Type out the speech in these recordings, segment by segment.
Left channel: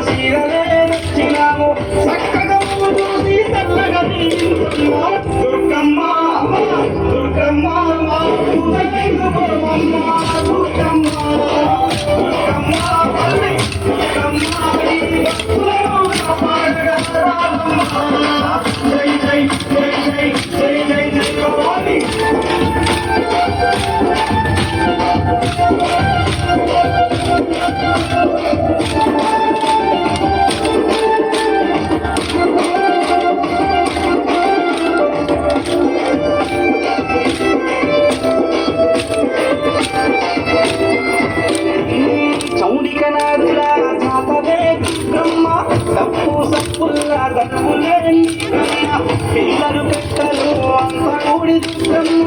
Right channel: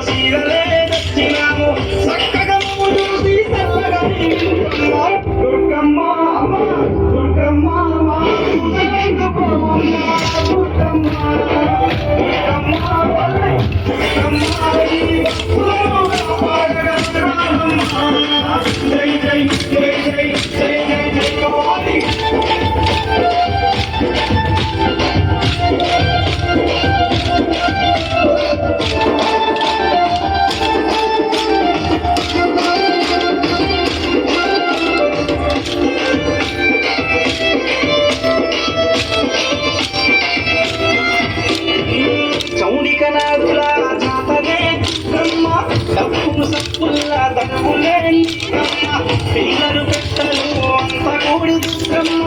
Rosie. పిల్లలు పెట్టలు అంత కూడి దుర్గమ్మ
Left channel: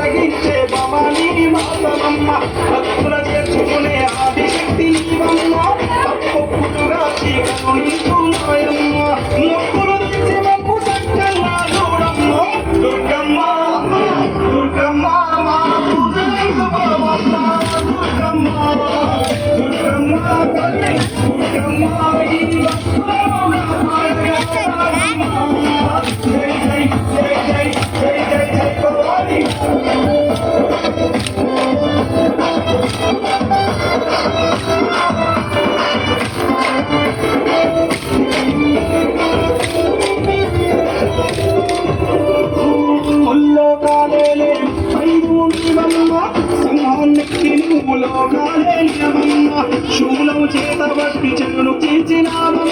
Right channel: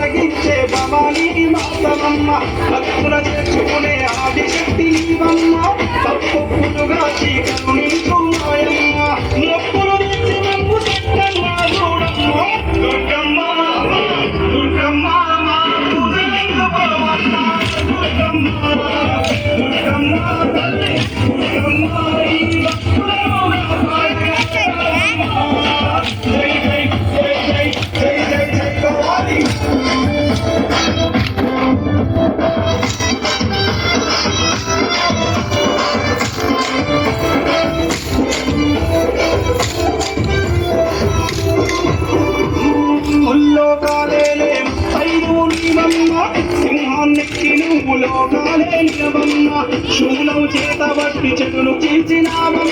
తగ్గించే భవానీ మాతమ్మ భక్తుల తెచ్చుకునే ఆదిశక్తి నీవమ్మ తప్పుగా చీకుని శూలం చేత బట్టి చెట్టును కీర్చినాము